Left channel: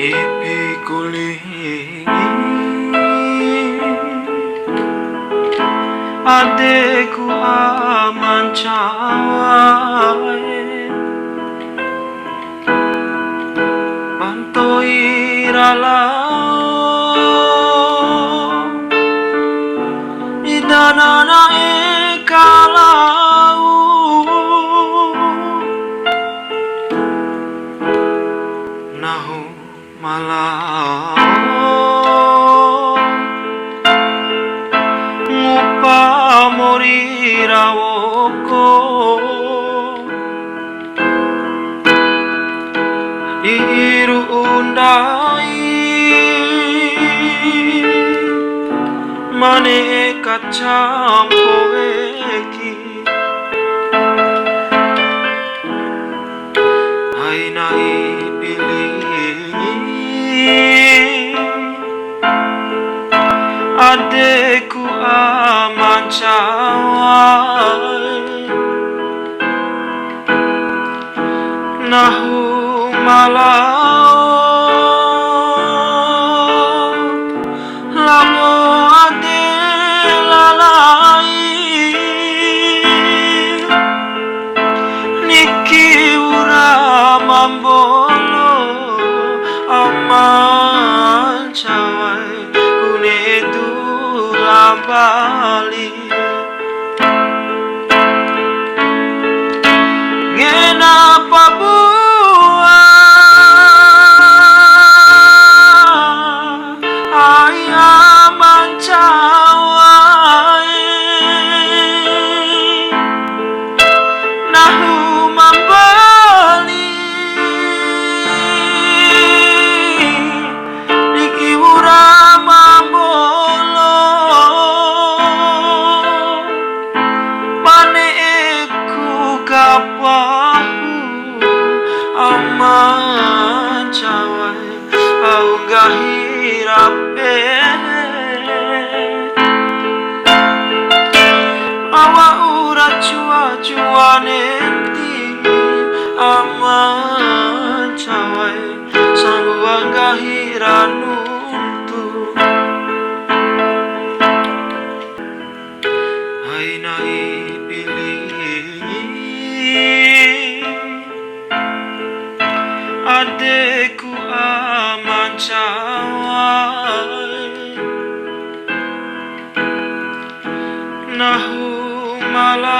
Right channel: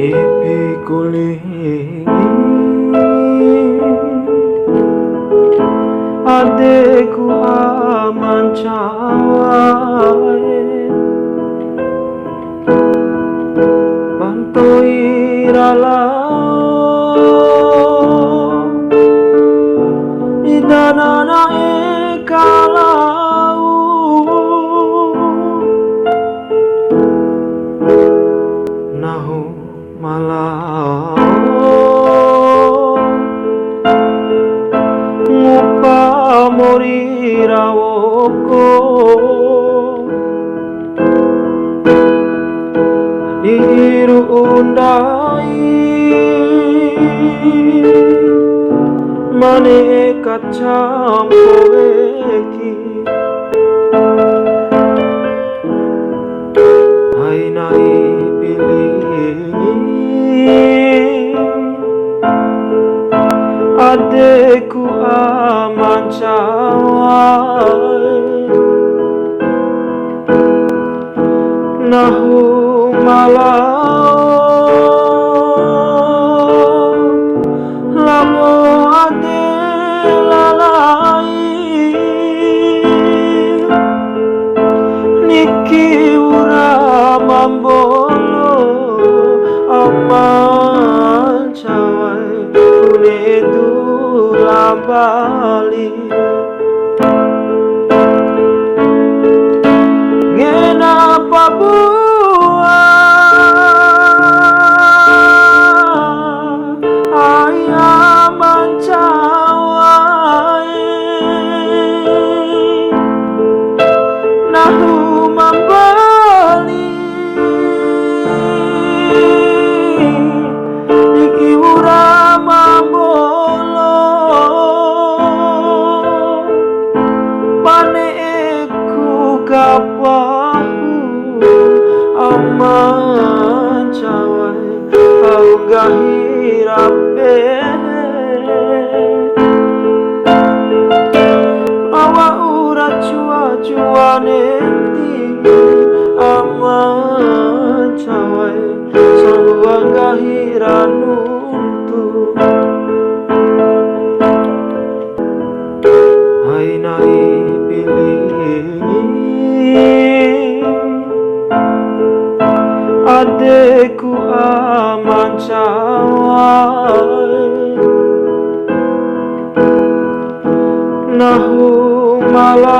Ipikuling adekku aman cawae bantoi ralau idanana ekalau nahu malau ngupa mori rawoko iru undai mane kacam koeki hai nai pilih adekku aman cawae nahu malau lamo ade lalai niki ura mambolo aman cawae kune dula bali ngena pabuah ayaman cawae nahu mambali niki ura mambolo pane ku kapahu aman cawae au gahirape awa ura cua-cuane ti aman cawae samua gahiranuntu hai nai pilih adekku aman cawae nahu malau